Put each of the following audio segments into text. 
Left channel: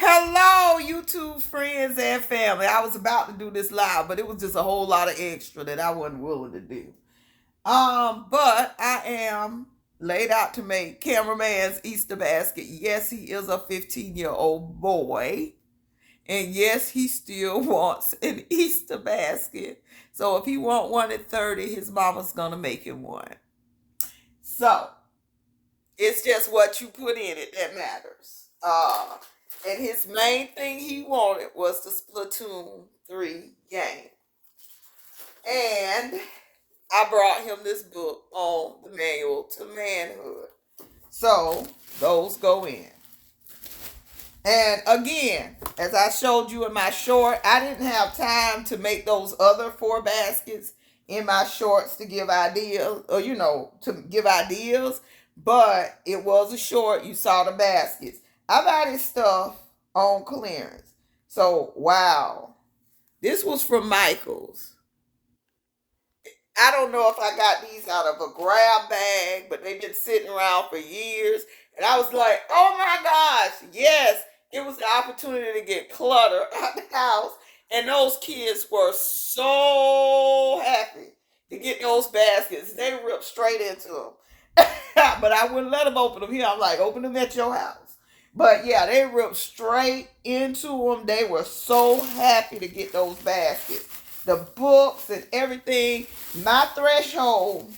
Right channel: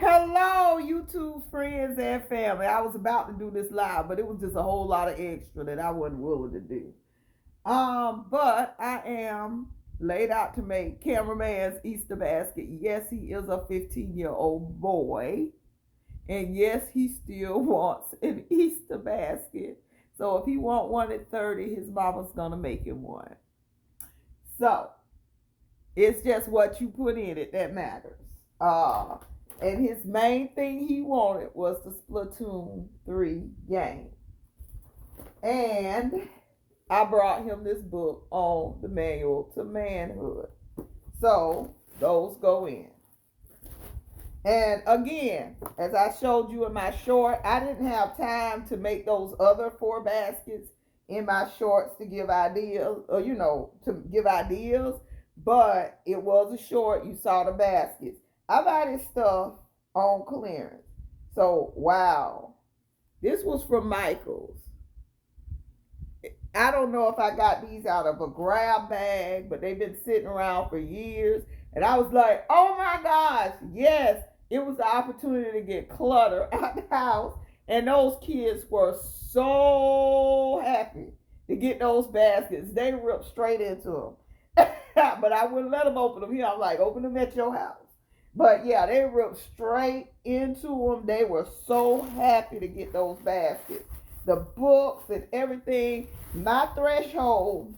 Hello, YouTube friends and family. I was about to do this live, but it was just a whole lot of extra that I wasn't willing to do. But I am laid out to make cameraman's Easter basket. Yes, he is a 15-year-old boy. And yes, he still wants an Easter basket. So if he want one at 30, his mama's gonna make him one. So it's just what you put in it that matters. And his main thing he wanted was the Splatoon 3 game. And I brought him this book on the manual to manhood. So those go in. And again, as I showed you in my short, I didn't have time to make those other 4 baskets in my shorts to give ideas, or to give ideas. But it was a short. You saw the baskets. I buy this stuff on clearance. So, wow. This was from Michael's. I don't know if I got these out of a grab bag, but they've been sitting around for years. And I was like, oh my gosh, yes, it was the opportunity to get clutter out the house. And those kids were so happy to get those baskets. They ripped straight into them. But I wouldn't let them open them here. I'm like, open them at your house. But yeah, they ripped straight into them. They were so happy to get those baskets. The books and everything. My threshold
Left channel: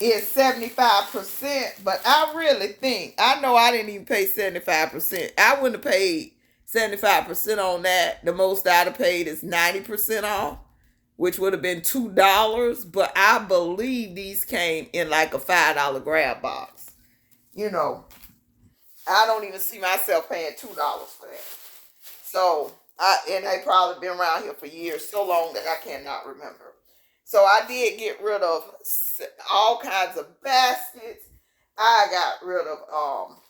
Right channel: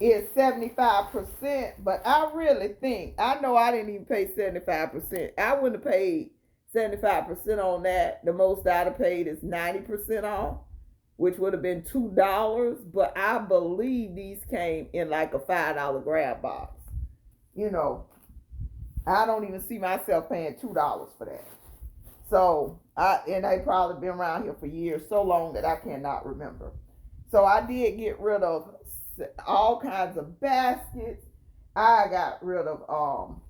is 75%, but I really think, I know I didn't even pay 75%. I wouldn't have paid 75% on that. The most I'd have paid is 90% off, which would have been $2. But I believe these came in like a $5 grab box. I don't even see myself paying $2 for that. So, and they probably been around here for years, so long that I cannot remember. So I did get rid of all kinds of baskets. I got rid of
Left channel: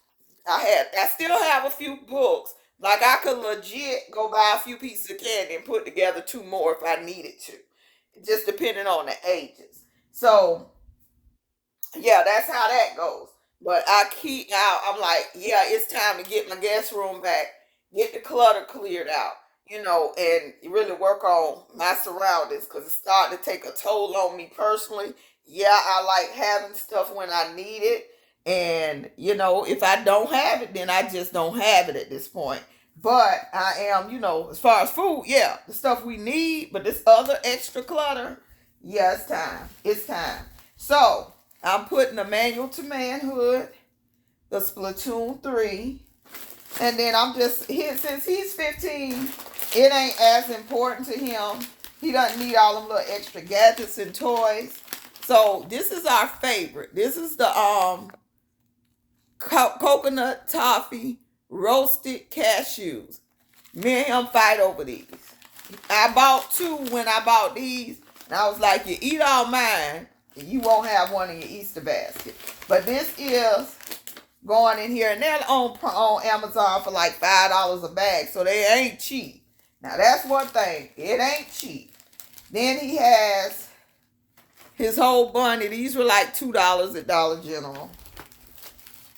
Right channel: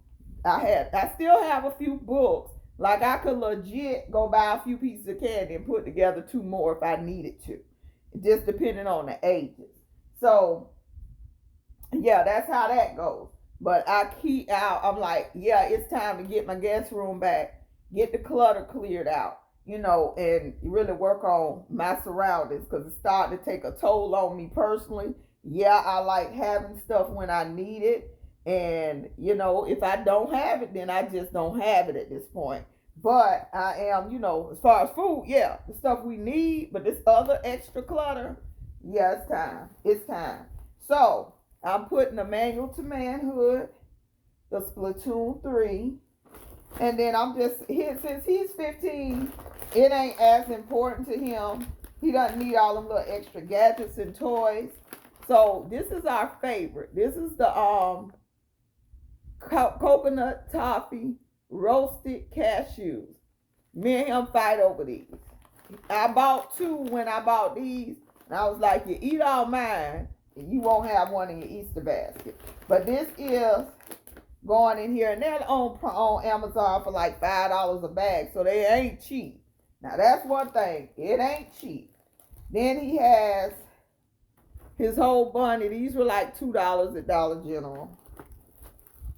I still have a few books. Like I could legit go buy a few pieces of candy and put together 2 more if I needed to. Just depending on the ages. So yeah, that's how that goes. But I'm like, yeah, it's time to get my guest room back, get the clutter cleared out, and really work on my surroundings because it's starting to take a toll on me personally. Yeah, I like having stuff when I need it. And, if I don't have it, then I just don't have it at this point. But I am, as far as food, yeah, the stuff we need, but this other extra clutter, yeah, it's time. It's time. So, I'm putting the manual to manhood, the Splatoon 3, and then since he's 15, it ain't as important to him. He doesn't need all them little extra gadgets and toys. So this is our favorite. This is the coconut toffee roasted cashews. Me and him fight over these. I bought 2 when I bought these, and I was like, you eat all mine, and you won't have one in your Easter basket. But this is going in here, and they're on Amazon for like $5 a bag, so they ain't cheap. Now that's one thing, it ain't cheap. Then he has his whole bunny. These were like $2 at Dollar General.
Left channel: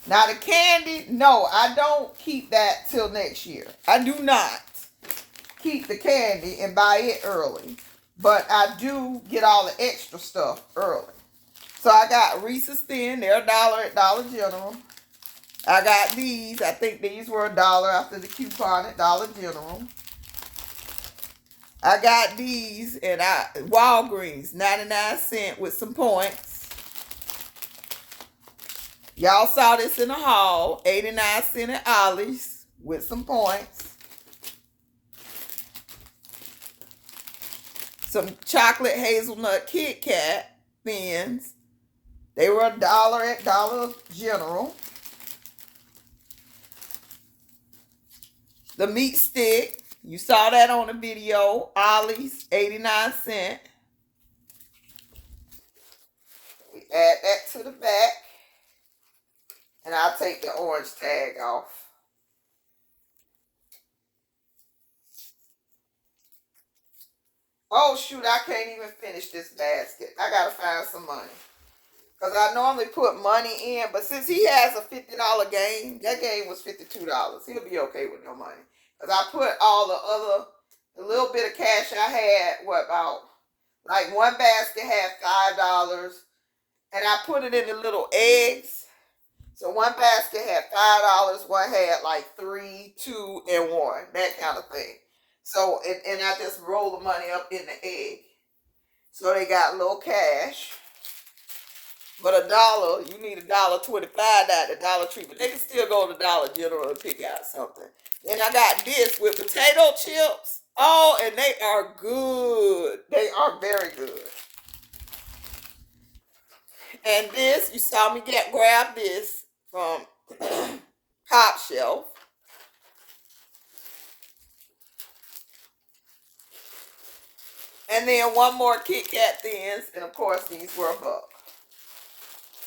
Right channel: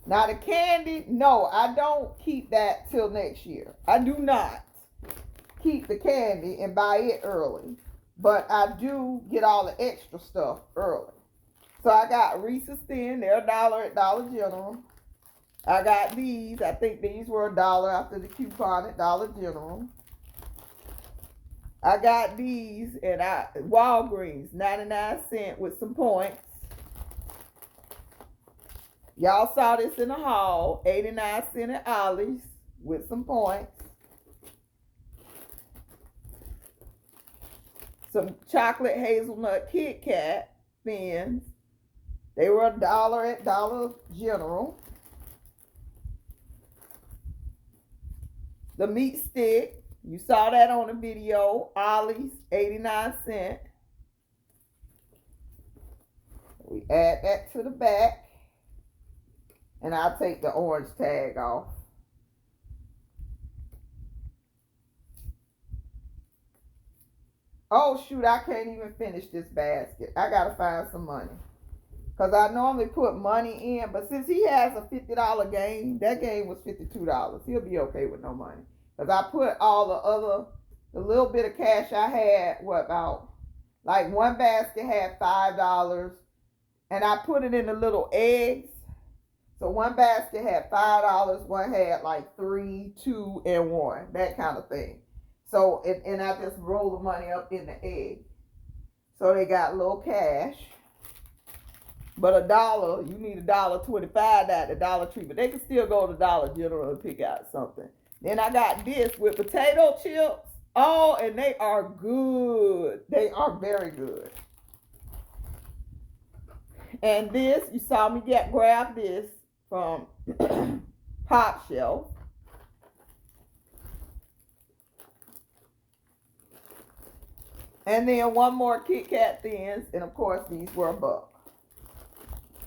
Now the candy, no, I don't keep that till next year. I do not keep the candy and buy it early, but I do get all the extra stuff early. So I got Reese's Thin, they're $1 at Dollar General. I got these. I think these were $1 after the coupon at Dollar General. I got these at Walgreens, 99¢ with some points. Y'all saw this in the haul, 89¢ at Ollie's with some points. Some chocolate hazelnut Kit Kat thins. They were $1 at Dollar General. The meat stick, you saw that on the video, Ollie's, 89¢. We add that to the back, and I'll take the orange tag off. Oh shoot, I can't even finish this basket. I gotta find some money. Because I normally put money in, but since he has a $50 game, that game was $52. He'll be okay with no money. Because I put all the little bit of cash I had, like one basket had $5, and I put it in the little eggs. So one basket had $5, one had like 3, 2, and 1, that kind of thing. So, and I just roll the money up in the egg. So they got a little cash. But $1, you need $1.25 at the Dollar Tree. But they can still go to Dollar General and pick out something. Then I got this with potato chips. Oh, and they are good. They are very good. And this, you saw me grab this from Top Shelf. And then one more Kit Kat Thins. And of course, these were $1.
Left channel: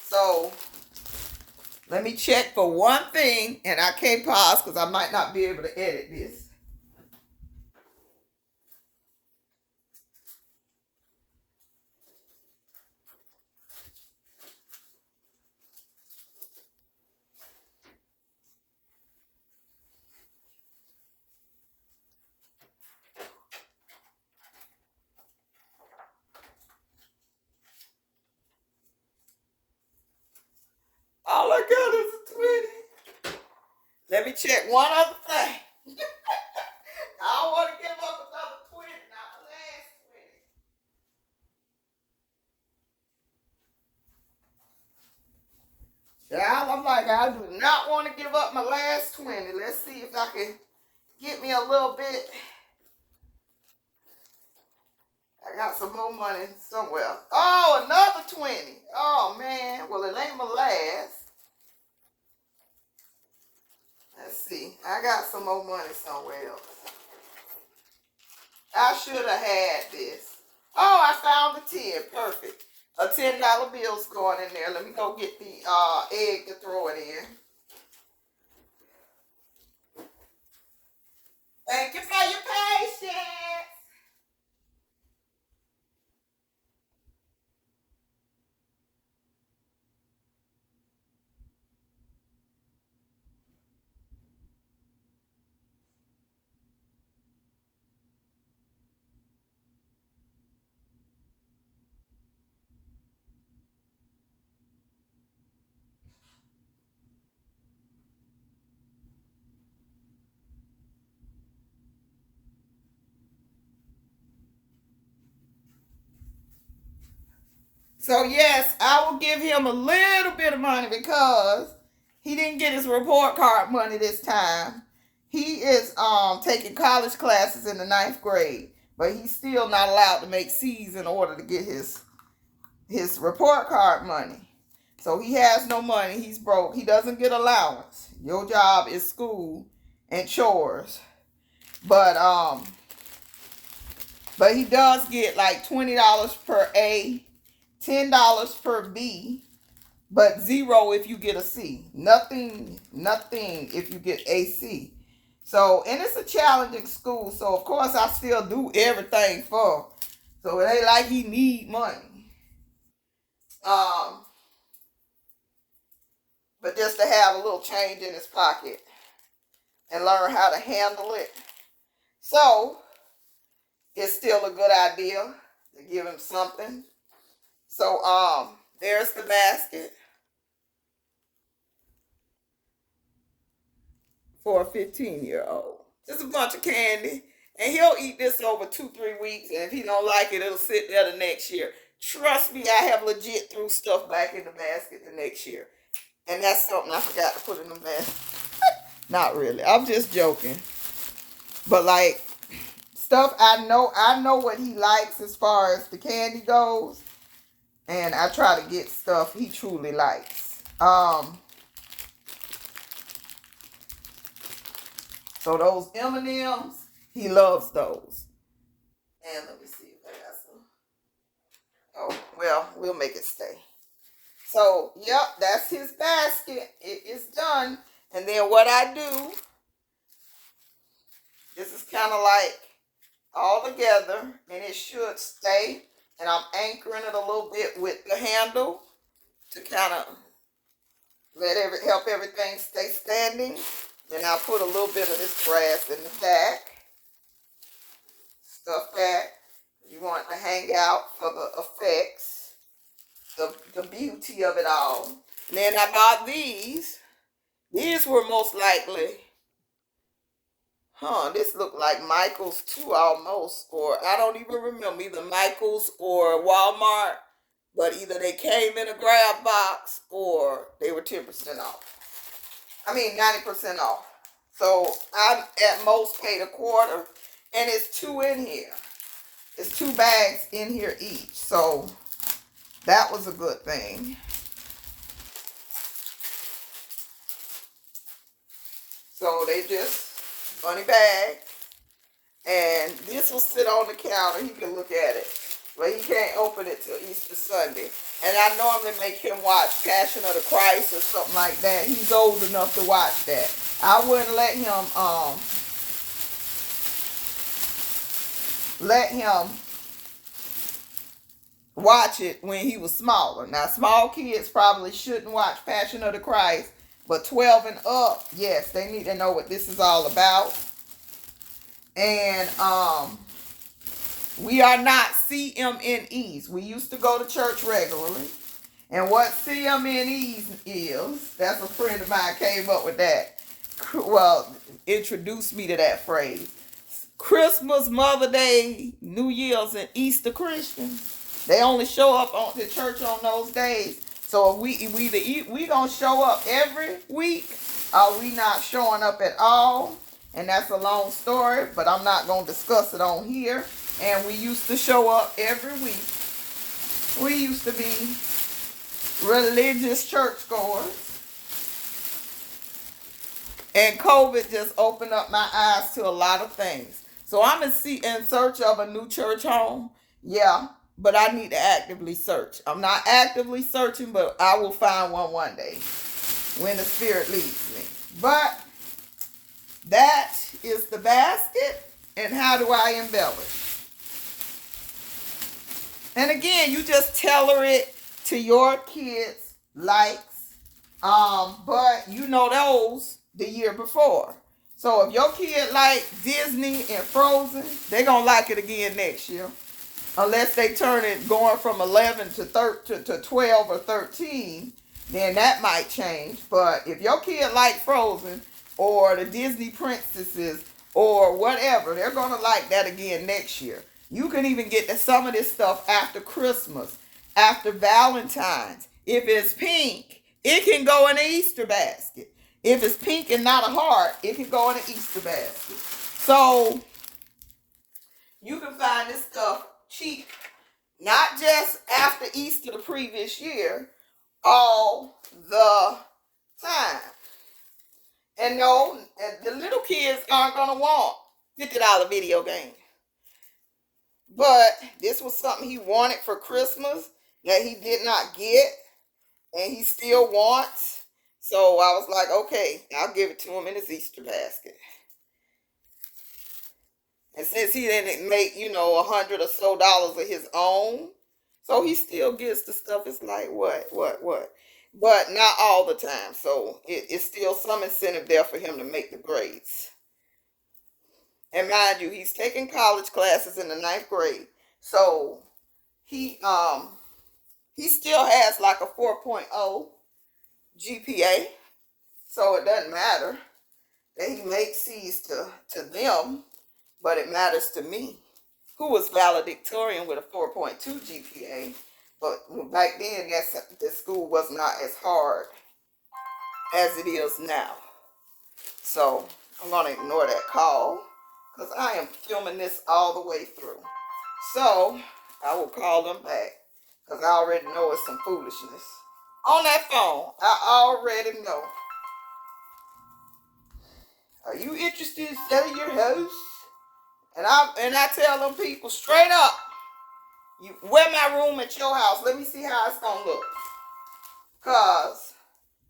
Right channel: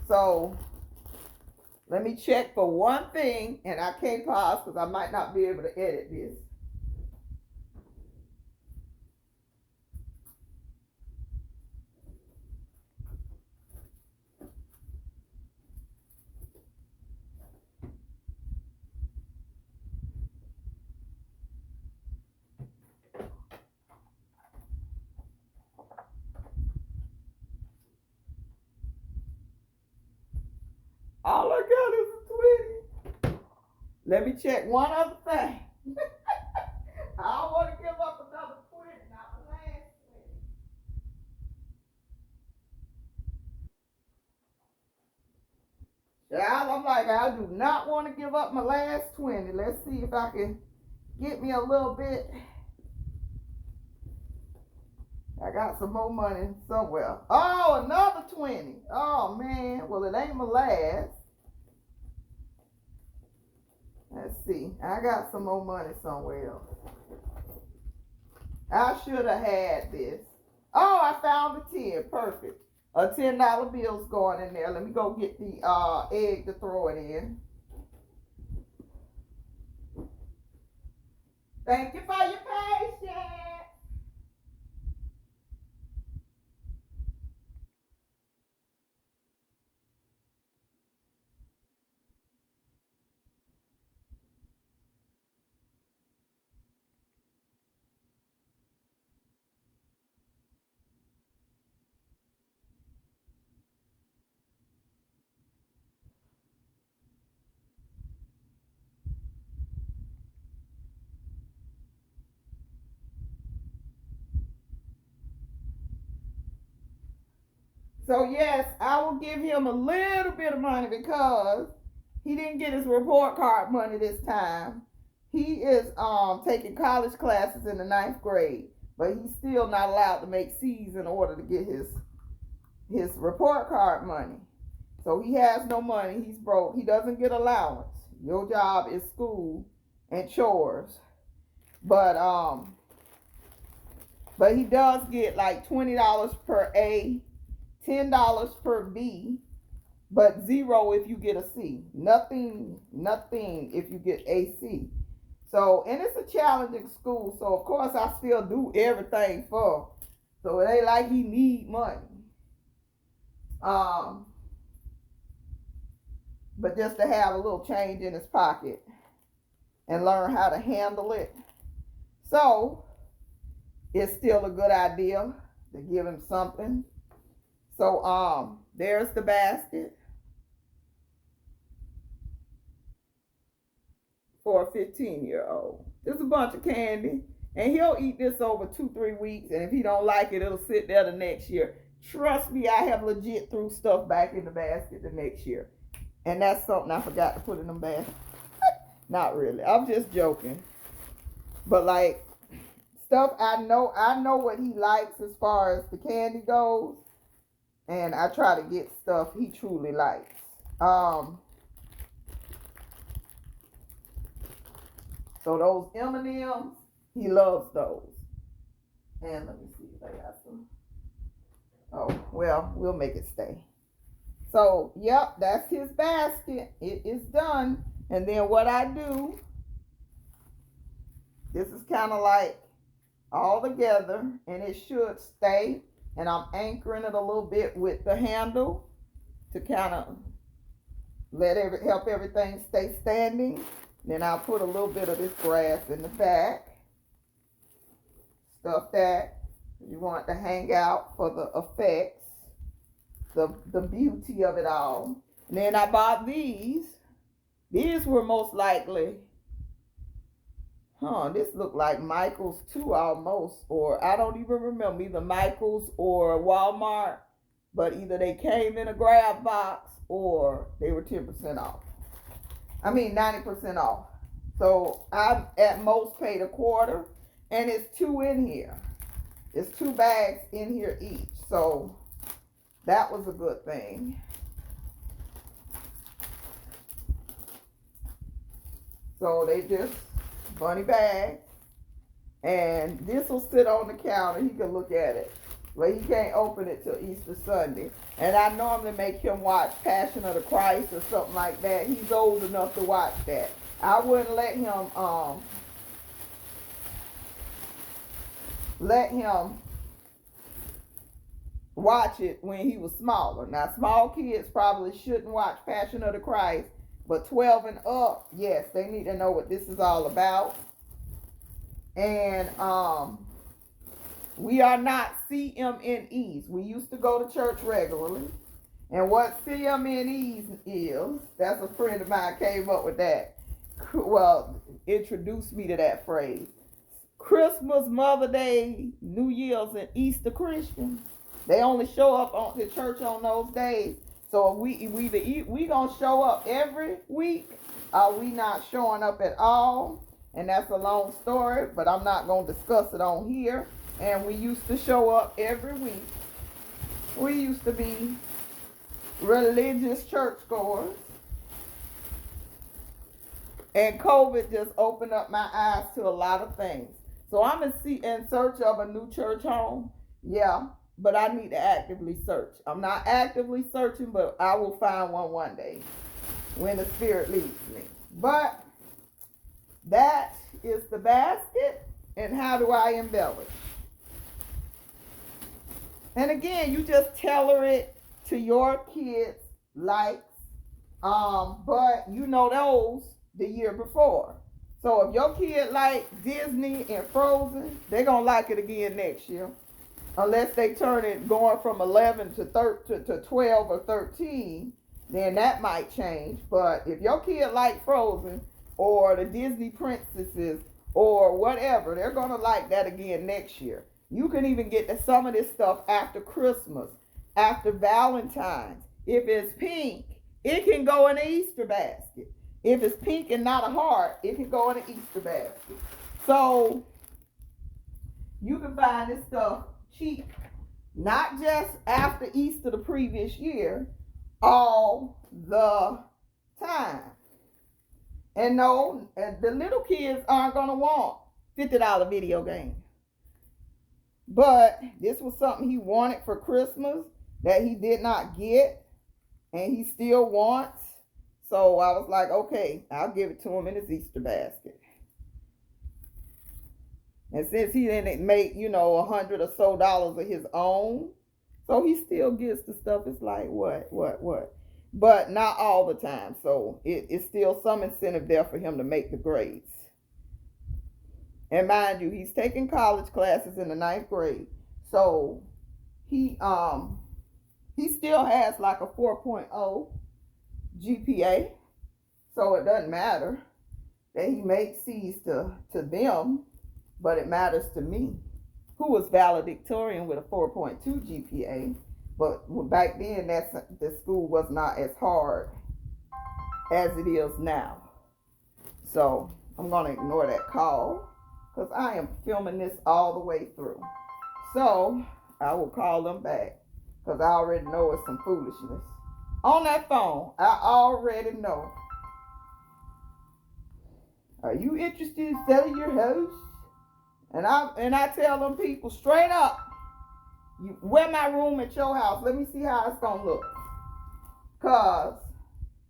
So, let me check for one thing. And I can't pause because I might not be able to edit this. All I got is a 20. Let me check one other thing. I don't want to give up another 20, not the last 20. Yeah, I'm like, I do not want to give up my last 20. Let's see if I can get me a little bit. I got some more money somewhere. Oh, another 20. Oh, man. Well, it ain't my last. Let's see. I got some more money somewhere else. I should have had this. Oh, I found the 10. Perfect. A $10 bill's going in there. Let me go get the egg to throw it in. Thank you for your patience. So yes, I will give him a little bit of money because he didn't get his report card money this time. He is taking college classes in the 9th grade, but he's still not allowed to make C's in order to get his report card money. So he has no money. He's broke. He doesn't get allowance. Your job is school and chores. But he does get like $20 per A, $10 per B, but 0 if you get a C. Nothing if you get a C. So, and it's a challenging school, so of course I still do everything for. So it ain't like he need money. But just to have a little change in his pocket and learn how to handle it. So, it's still a good idea to give him something. So, there's the basket for a 15-year-old. This is a bunch of candy, and he'll eat this over 2-3 weeks, and if he don't like it, it'll sit there the next year. Trust me, I have legit threw stuff back in the basket the next year. And that's something I forgot to put in the basket. Not really. I'm just joking. But like, stuff I know what he likes as far as the candy goes. And I try to get stuff he truly likes. So those M&Ms, he loves those. And let me see if I got some. Oh, well, we'll make it stay. So, yep, that's his basket. It is done. And then what I do, this is kind of like all together, and it should stay. And I'm anchoring it a little bit with the handle. to kind of help everything stay standing. Then I'll put a little bit of this grass in the back. Stuff that you want to hang out for the effects, the beauty of it all. And then I bought these. These were most likely, this looked like Michael's too almost, or I don't even remember, either Michael's or Walmart, but either they came in a grab box or they were 10% off. 90% off. So I at most paid a quarter, and it's 2 in here. It's 2 bags in here each. So that was a good thing. So they just bunny bag, and this will sit on the counter. He can look at it, but he can't open it till Easter Sunday. And I normally make him watch Passion of the Christ or something like that. He's old enough to watch that. I wouldn't let him watch it when he was smaller. Now, small kids probably shouldn't watch Passion of the Christ, but 12 and up, yes, they need to know what this is all about. And we are not CMNEs. We used to go to church regularly. And what CMNEs is, that's a friend of mine came up with that. Well, introduced me to that phrase. Christmas, Mother Day, New Year's, and Easter Christians. They only show up on the church on those days. So we gonna show up every week, or we not showing up at all. And that's a long story, but I'm not gonna discuss it on here. And we used to show up every week. We used to be religious churchgoers. And COVID just opened up my eyes to a lot of things. So I'm in search of a new church home. Yeah. But I need to actively search. I'm not actively searching, but I will find one day when the Spirit leads me. But that is the basket. And how do I embellish? And again, you just tailor it to your kids' likes. But you know those the year before. So if your kid like Disney and Frozen, they're going to like it again next year. Unless they turn it going from 11 to 12 or 13, then that might change. But if your kid like Frozen or the Disney princesses or whatever, they're going to like that again next year. You can even get some of this stuff after Christmas, after Valentine's. If it's pink, it can go in an Easter basket. If it's pink and not a heart, it can go in an Easter basket. So you can find this stuff cheap, not just after Easter the previous year, all the time. And no, the little kids aren't going to want $50 video game. But this was something he wanted for Christmas that he did not get, and he still wants. So I was like, okay, I'll give it to him in his Easter basket. And since he didn't make, $100 or so of his own, so he still gets the stuff. It's like, what? But not all the time. So it's still some incentive there for him to make the grades. And mind you, he's taking college classes in the 9th grade. So he still has like a 4.0 GPA. So it doesn't matter that he makes C's to them. But it matters to me, who was valedictorian with a 4.2 GPA. But back then, the school was not as hard as it is now. So I'm going to ignore that call because I am filming this all the way through. So I will call them back because I already know it's some foolishness. On that phone, I already know. Are you interested in selling your house? And I tell them people straight up, you wear my room at your house. Let me see how it's going to look. Because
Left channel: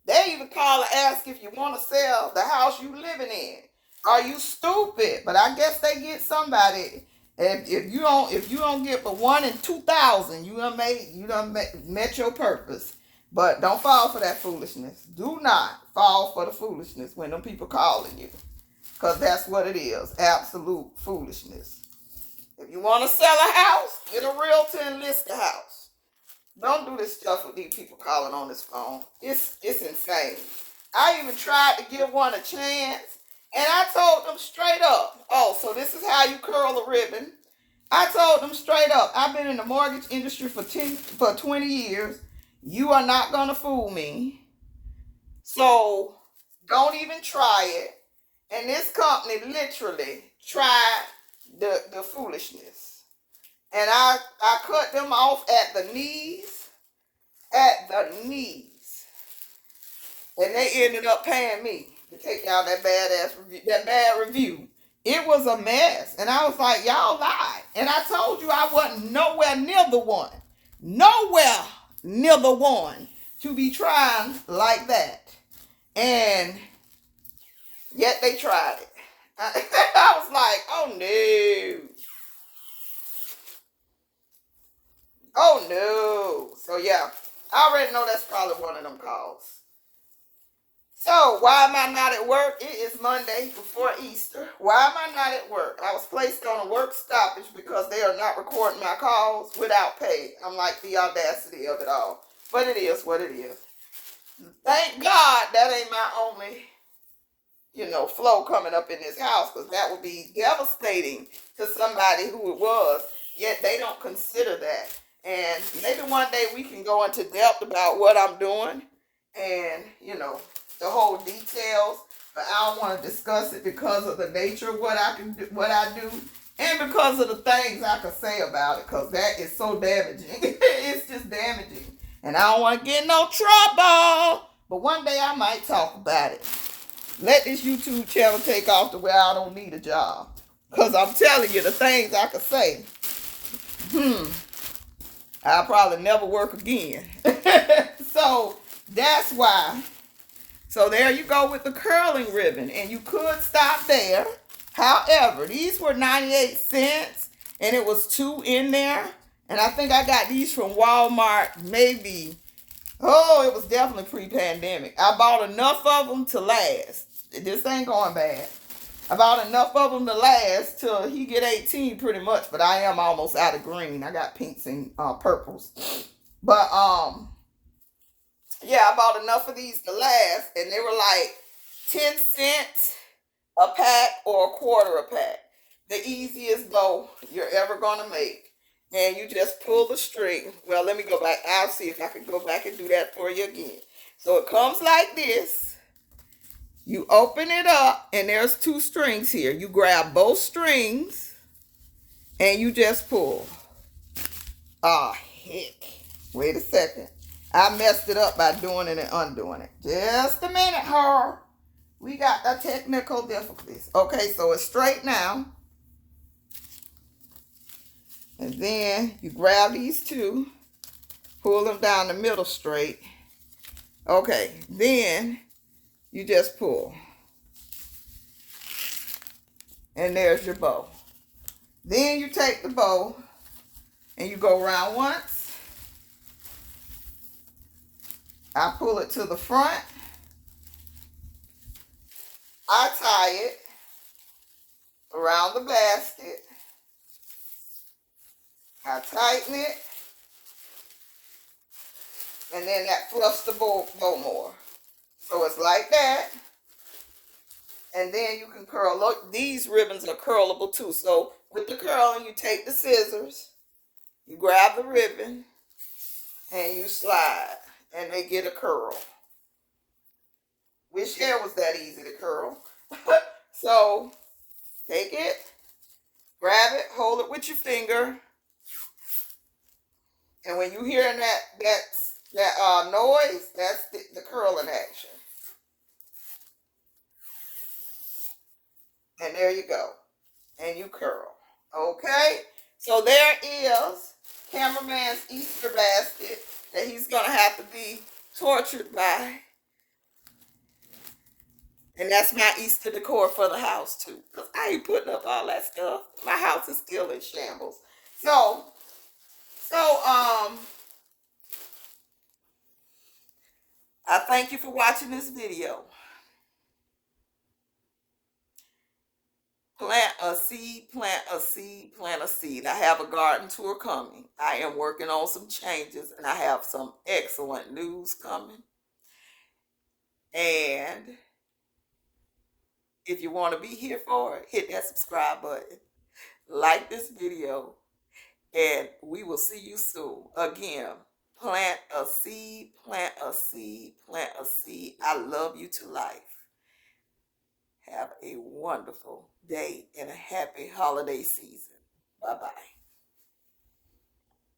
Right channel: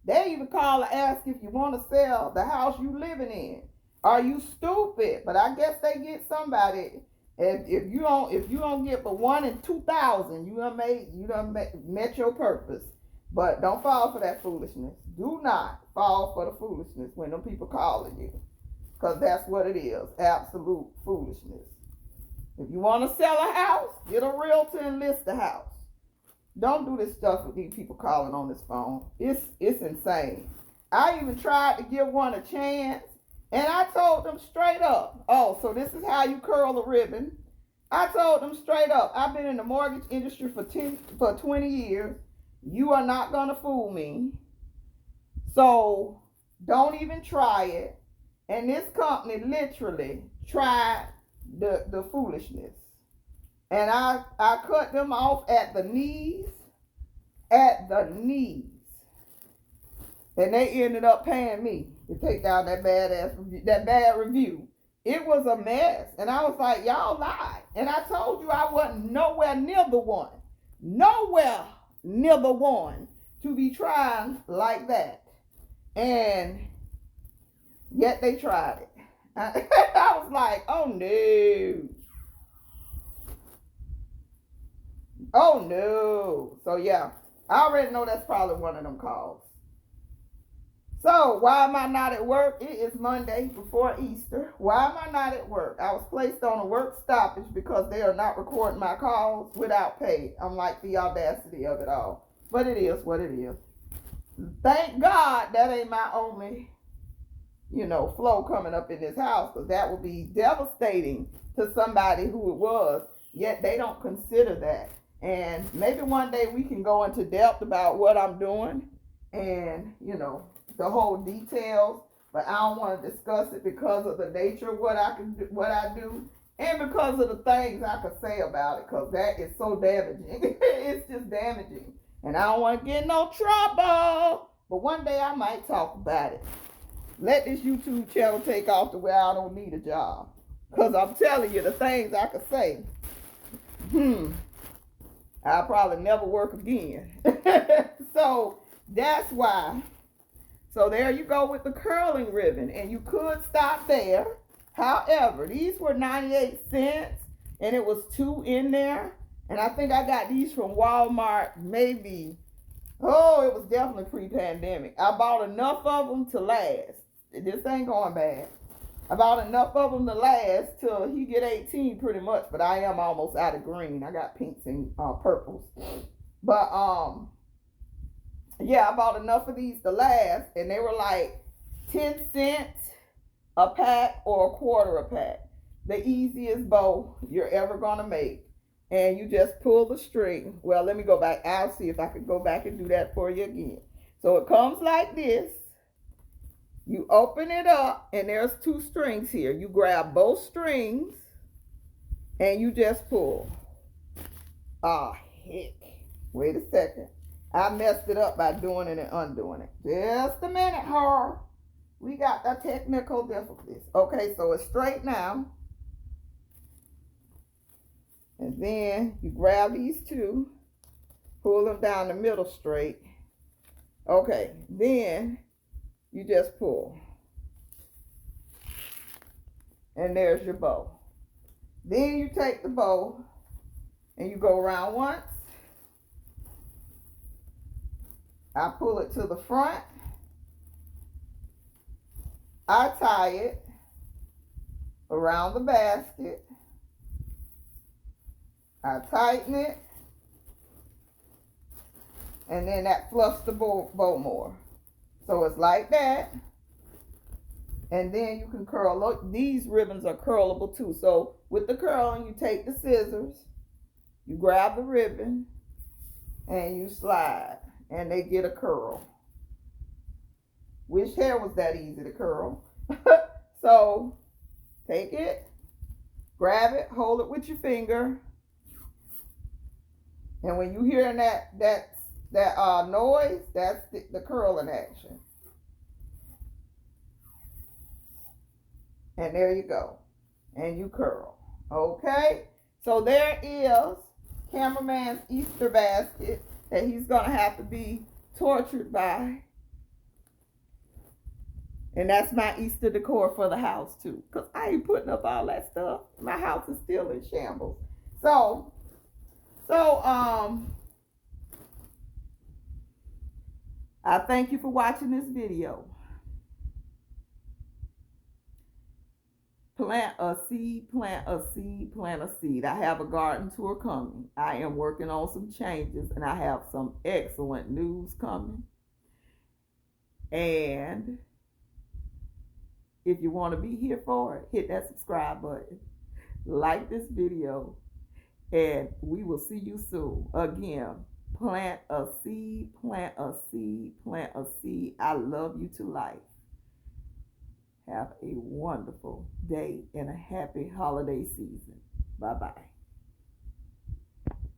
they even call and ask if you want to sell the house you living in. Are you stupid? But I guess they get somebody. If you don't get but 1 in 2,000, you done met your purpose. But don't fall for that foolishness. Do not fall for the foolishness when them people calling you. Because that's what it is. Absolute foolishness. If you want to sell a house, get a realtor and list the house. Don't do this stuff with these people calling on this phone. It's insane. I even tried to give one a chance, and I told them straight up, oh, so this is how you curl a ribbon. I told them straight up, I've been in the mortgage industry for 20 years. You are not going to fool me. So don't even try it. And this company literally tried the foolishness. And I cut them off at the knees. At the knees. And they ended up paying me to take down that bad review. It was a mess. And I was like, y'all lied. And I told you I wasn't nowhere near the one. Nowhere near the one to be trying like that. And yet they tried it. I was like, oh no. Oh no. So yeah, I already know that's probably one of them calls. So why am I not at work? It is Monday before Easter. Why am I not at work? I was placed on a work stoppage because they are not recording my calls without pay. I'm like the audacity of it all. But it is what it is. Thank God that ain't my only, flow coming up in this house, because that would be devastating to somebody who it was. Yet they don't consider that. And maybe one day we can go into depth about what I'm doing and, the whole details. But I don't want to discuss it because of the nature of what I do, and because of the things I could say about it, because that is so damaging. It's just damaging. And I don't want to get in no trouble. But one day I might talk about it. Let this YouTube channel take off to where I don't need a job. Because I'm telling you, the things I could say, I'll probably never work again. So that's why. So there you go with the curling ribbon. And you could stop there. However, these were 98 cents. And it was 2 in there. And I think I got these from Walmart maybe. Oh, it was definitely pre-pandemic. I bought enough of them to last. This ain't going bad. I bought enough of them to last till he get 18 pretty much. But I am almost out of green. I got pinks and purples. But, yeah, I bought enough of these to last. And they were like 10 cents a pack or a quarter a pack. The easiest bow you're ever going to make. And you just pull the string. Well, let me go back. I'll see if I can go back and do that for you again. So it comes like this. You open it up, and there's 2 strings here. You grab both strings, and you just pull. Oh, heck. Wait a second. I messed it up by doing it and undoing it. Just a minute, her. We got the technical difficulties. Okay, so it's straight now. And then you grab these 2, pull them down the middle straight. Okay, then you just pull. And there's your bow. Then you take the bow and you go around once. I pull it to the front. I tie it around the basket. I tighten it, and then that fluffs the bow more. So it's like that, and then you can curl. Look, these ribbons are curlable too. So with the curling, you take the scissors, you grab the ribbon, and you slide, and they get a curl. Wish hair was that easy to curl. So take it, grab it, hold it with your finger. And when you hearing that noise, that's the curling action. And there you go. And you curl. Okay? So there is cameraman's Easter basket that he's going to have to be tortured by. And that's my Easter decor for the house too. Because I ain't putting up all that stuff. My house is still in shambles. So I thank you for watching this video. Plant a seed, plant a seed, plant a seed. I have a garden tour coming. I am working on some changes, and I have some excellent news coming. And if you want to be here for it, hit that subscribe button. Like this video, and we will see you soon. Again, plant a seed, plant a seed, plant a seed. I love you to life. Have a wonderful day and a happy holiday season. Bye-bye.